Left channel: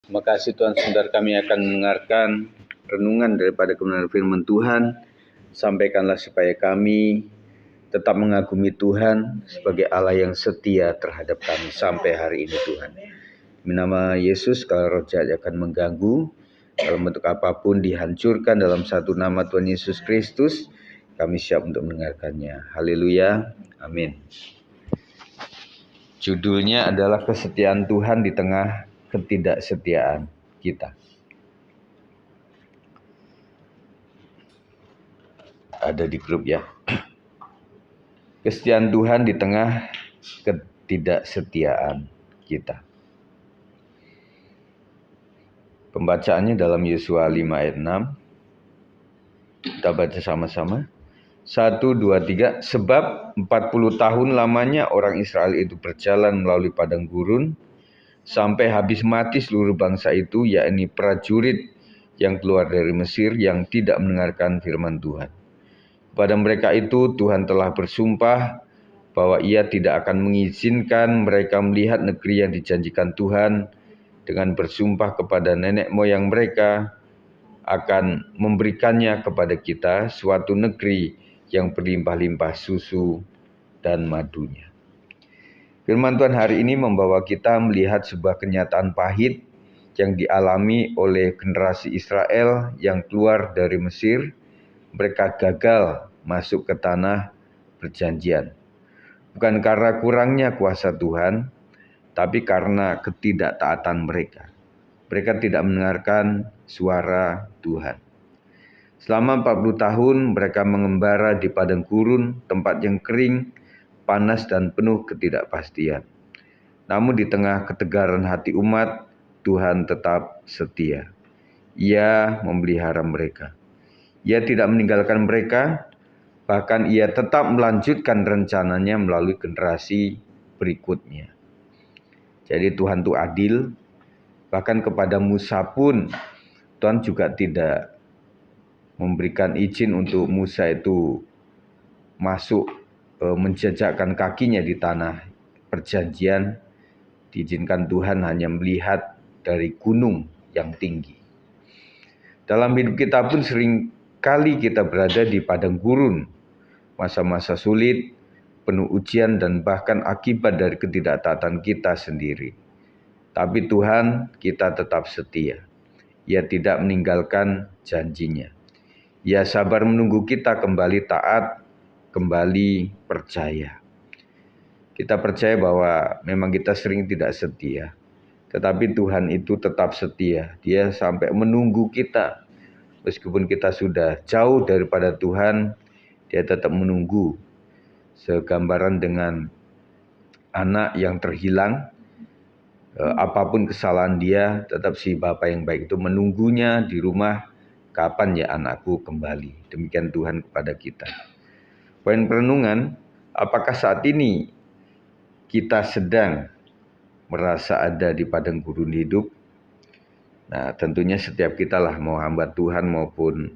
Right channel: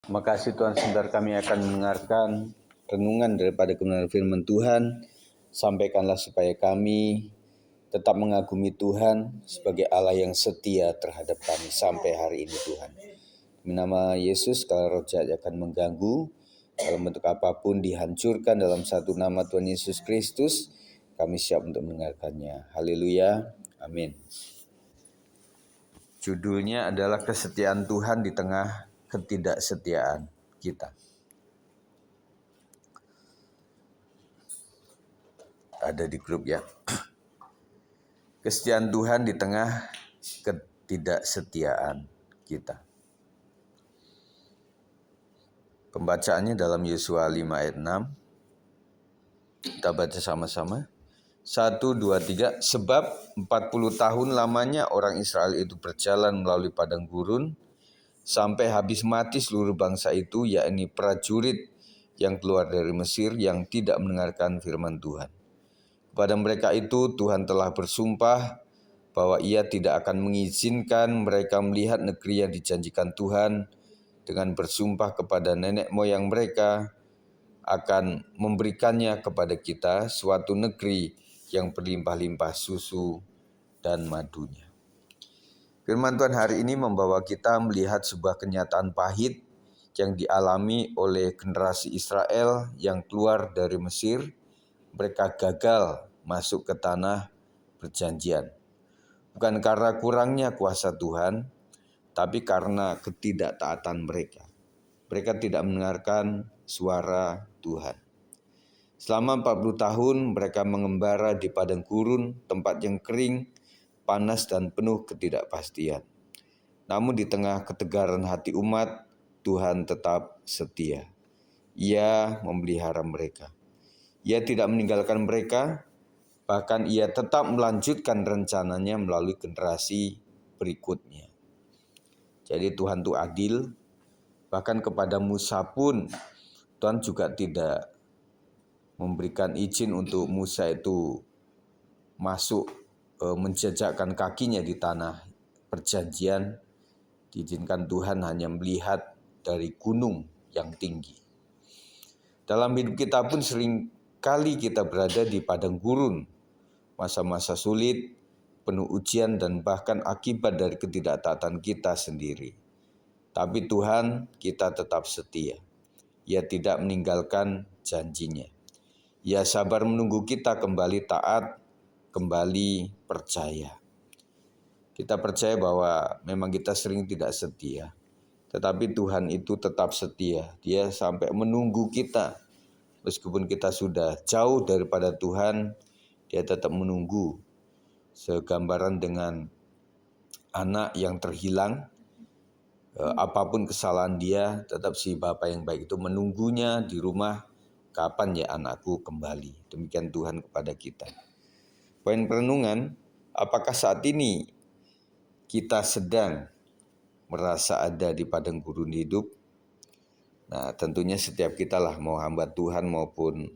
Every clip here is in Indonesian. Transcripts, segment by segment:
Terima kasih Tuhan, sebentar kami akan mendengarkan renungan daripada kebenaran firman Tuhan. Sampaikanlah supaya kami tetap mengagumi Tuhan sebagai Allah yang setia terhadap kami sampai hari ini Tuhan. Demi nama Yesus, kalau roh jahat akan mengganggu, dalam bentuk apapun dihancurkan dalam satu nama Tuhan Yesus Kristus, kami siap untuk mendengarkannya. Haleluya, amin. Judulnya adalah kesetiaan Tuhan di tengah ketidaksetiaan kita. Ada di grup ya. Kesetiaan Tuhan di tengah ketidaksetiaan kita. Pembacaannya dalam Yosua 5 ayat 6. Kita baca sama-sama. 1, 2, 3. Sebab 40 tahun lamanya orang Israel itu berjalan melalui padang gurun sampai habis mati seluruh bangsa itu, yakni prajurit yang keluar dari Mesir yang tidak mendengarkan firman Tuhan. Kepada mereka itu Tuhan telah bersumpah bahwa Ia tidak akan mengizinkan mereka melihat negeri yang dijanjikan Tuhan, dengan bersumpah kepada nenek moyang mereka akan memberikannya kepada kita, suatu negeri yang berlimpah-limpah susu dan madunya. Firman Tuhan hari ini membawa kita melihat sebuah kenyataan pahit yang dialami oleh generasi Israel yang keluar dari Mesir. Mereka gagal masuk ke tanah perjanjian. Bukan karena kurangnya kuasa Tuhan, tapi karena ketidaktaatan mereka. Mereka tidak mendengarkan suara Tuhan. Selama 40 tahun mereka mengembara di padang gurun, tempat yang kering, panas dan penuh ketidakpastian. Namun di tengah ketegaran hati umat, Tuhan tetap setia. Ia memelihara mereka. Ia tidak meninggalkan mereka, bahkan Ia tetap melanjutkan rencananya melalui generasi berikutnya. Jadi Tuhan itu adil, bahkan kepada Musa pun Tuhan juga tidak memberikan izin untuk Musa itu masuk menjejakkan kakinya di tanah perjanjian. Diizinkan Tuhan hanya melihat dari gunung yang tinggi. Dalam hidup kita pun sering kali kita berada di padang gurun, masa-masa sulit, penuh ujian dan bahkan akibat dari ketidaktaatan kita sendiri. Tapi Tuhan kita tetap setia. Ia tidak meninggalkan janjinya. Ia sabar menunggu kita kembali taat, kembali percaya. Kita percaya bahwa memang kita sering tidak setia, tetapi Tuhan itu tetap setia. Dia sampai menunggu kita. Meskipun kita sudah jauh daripada Tuhan, Dia tetap menunggu. Segambaran dengan anak yang terhilang, apapun kesalahan dia, tetap si Bapa yang baik itu menunggunya di rumah. Kapan ya anakku kembali? Demikian Tuhan kepada kita. Poin perenungan, apakah saat ini kita sedang merasa ada di padang gurun hidup? Nah, tentunya setiap kita lah, mau hamba Tuhan maupun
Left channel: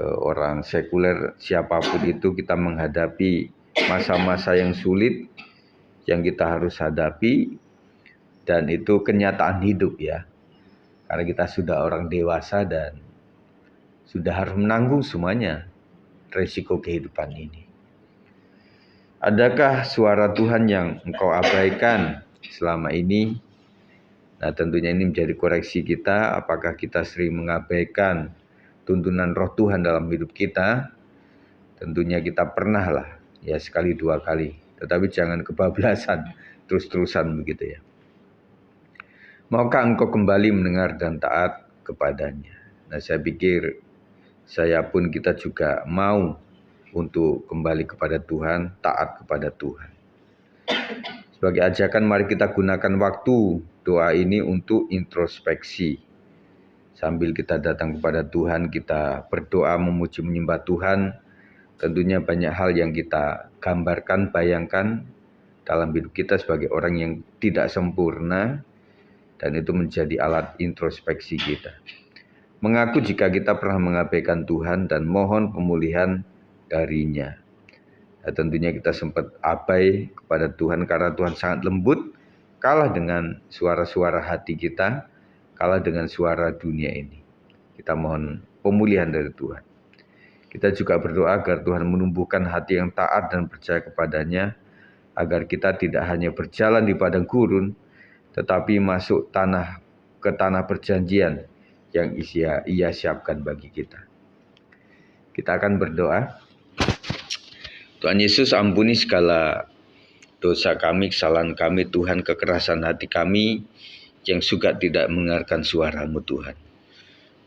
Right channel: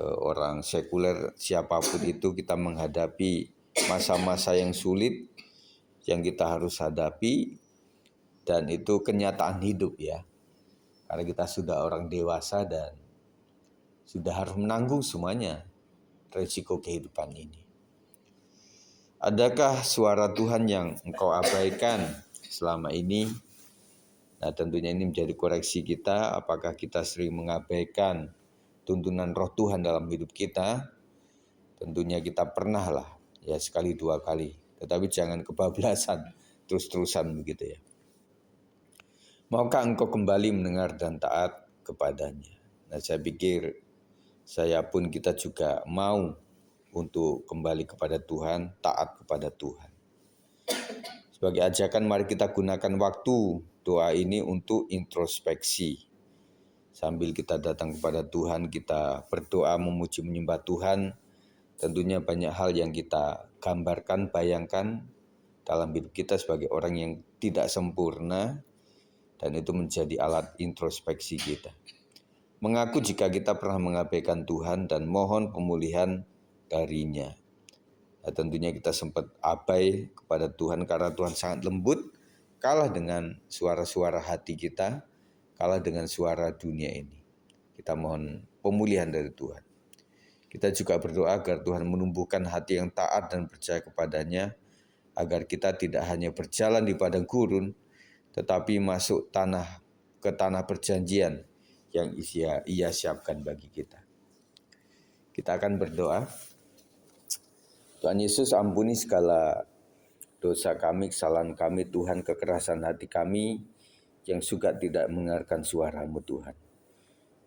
orang sekuler, siapapun itu, kita menghadapi masa-masa yang sulit yang kita harus hadapi, dan itu kenyataan hidup ya. Karena kita sudah orang dewasa dan sudah harus menanggung semuanya resiko kehidupan ini. Adakah suara Tuhan yang engkau abaikan selama ini? Nah, tentunya ini menjadi koreksi kita. Apakah kita sering mengabaikan tuntunan roh Tuhan dalam hidup kita? Tentunya kita pernah lah, ya sekali dua kali. Tetapi jangan kebablasan, terus-terusan begitu ya. Maukah engkau kembali mendengar dan taat kepadanya? Nah, saya pikir saya pun kita juga mau untuk kembali kepada Tuhan, taat kepada Tuhan. Sebagai ajakan, mari kita gunakan waktu doa ini untuk introspeksi. Sambil kita datang kepada Tuhan, kita berdoa memuji menyembah Tuhan. Tentunya banyak hal yang kita gambarkan, bayangkan dalam hidup kita sebagai orang yang tidak sempurna. Dan itu menjadi alat introspeksi kita. Mengaku jika kita pernah mengabaikan Tuhan dan mohon pemulihan darinya. Nah, tentunya kita sempat abai kepada Tuhan karena Tuhan sangat lembut, kalah dengan suara-suara hati kita. kalah dengan suara dunia ini. Kita mohon pemulihan dari Tuhan. Kita juga berdoa agar Tuhan menumbuhkan hati yang taat dan percaya kepadanya, agar kita tidak hanya berjalan di padang gurun, tetapi masuk ke tanah perjanjian yang Ia siapkan bagi kita. Kita akan berdoa. Tuhan Yesus, ampuni segala dosa kami, kesalahan kami, Tuhan, kekerasan hati kami yang suka tidak mendengarkan suara-Mu, Tuhan.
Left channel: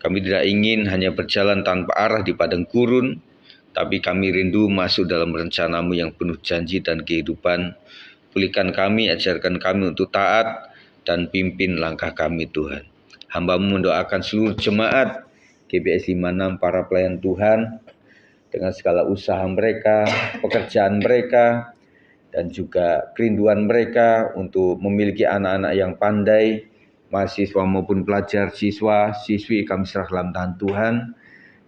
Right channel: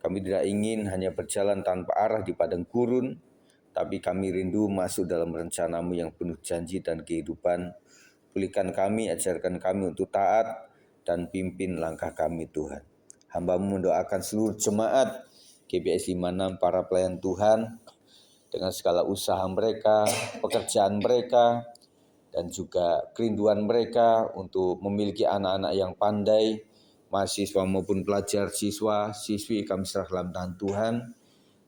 Kami tidak ingin hanya berjalan tanpa arah di padang gurun, tapi kami rindu masuk dalam rencana-Mu yang penuh janji dan kehidupan. Pulihkan kami, ajarkan kami untuk taat, dan pimpin langkah kami, Tuhan. Hamba-Mu mendoakan seluruh jemaat GBS 56, para pelayan Tuhan, dengan segala usaha mereka, pekerjaan mereka, dan juga kerinduan mereka untuk memiliki anak-anak yang pandai, mahasiswa maupun pelajar, siswa, siswi, kami serah dalam tangan Tuhan.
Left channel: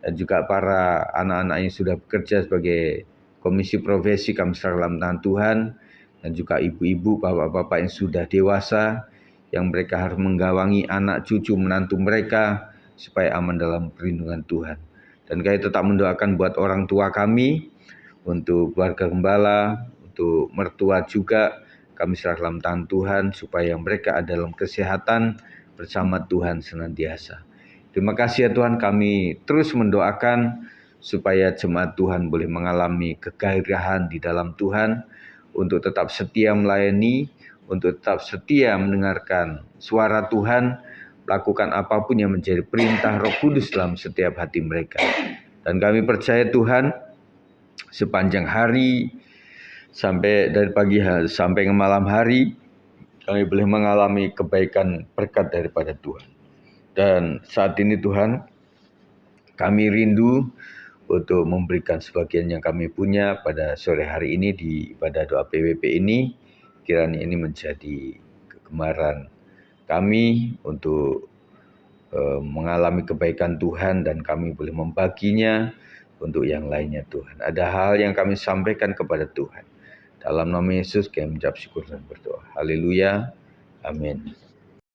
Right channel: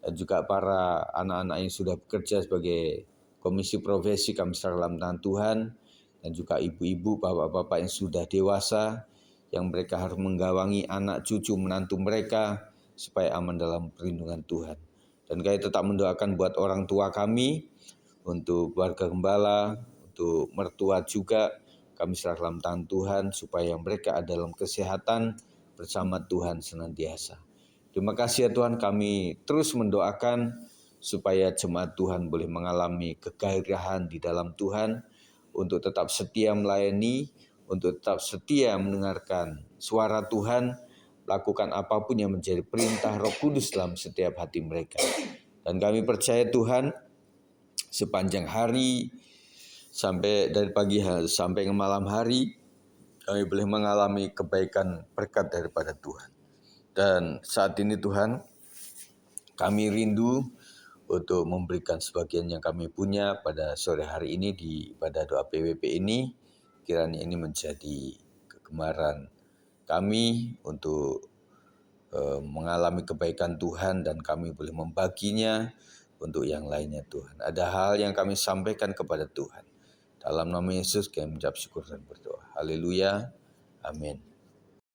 Dan juga para anak-anak yang sudah bekerja sebagai komisi profesi, kami serah dalam tangan Tuhan. Dan juga ibu-ibu, bapak-bapak yang sudah dewasa, yang mereka harus menggawangi anak, cucu, menantu mereka, supaya aman dalam perlindungan Tuhan. Dan kami tetap mendoakan buat orang tua kami, untuk keluarga gembala, untuk mertua juga, kami serah dalam tangan Tuhan supaya mereka ada dalam kesehatan bersama Tuhan senantiasa. Terima kasih ya Tuhan, kami terus mendoakan supaya jemaat Tuhan boleh mengalami kegairahan di dalam Tuhan, untuk tetap setia melayani, untuk tetap setia mendengarkan suara Tuhan, melakukan apapun yang menjadi perintah Roh Kudus dalam setiap hati mereka. Dan kami percaya Tuhan, sepanjang hari, sampai dari pagi hari sampai ke malam hari, kami boleh mengalami kebaikan berkat daripada Tuhan. Dan saat ini Tuhan, kami rindu untuk memberikan sebagian yang kami punya pada sore hari ini di ibadah doa PWP ini. Kiranya ini menjadi kegemaran kami untuk mengalami kebaikan Tuhan, dan kami boleh membaginya untuk yang lainnya Tuhan. Ada hal yang kami sampaikan kepada Tuhan. Dalam nama Yesus kami mengucap syukur dan berdoa. Haleluya. Amin.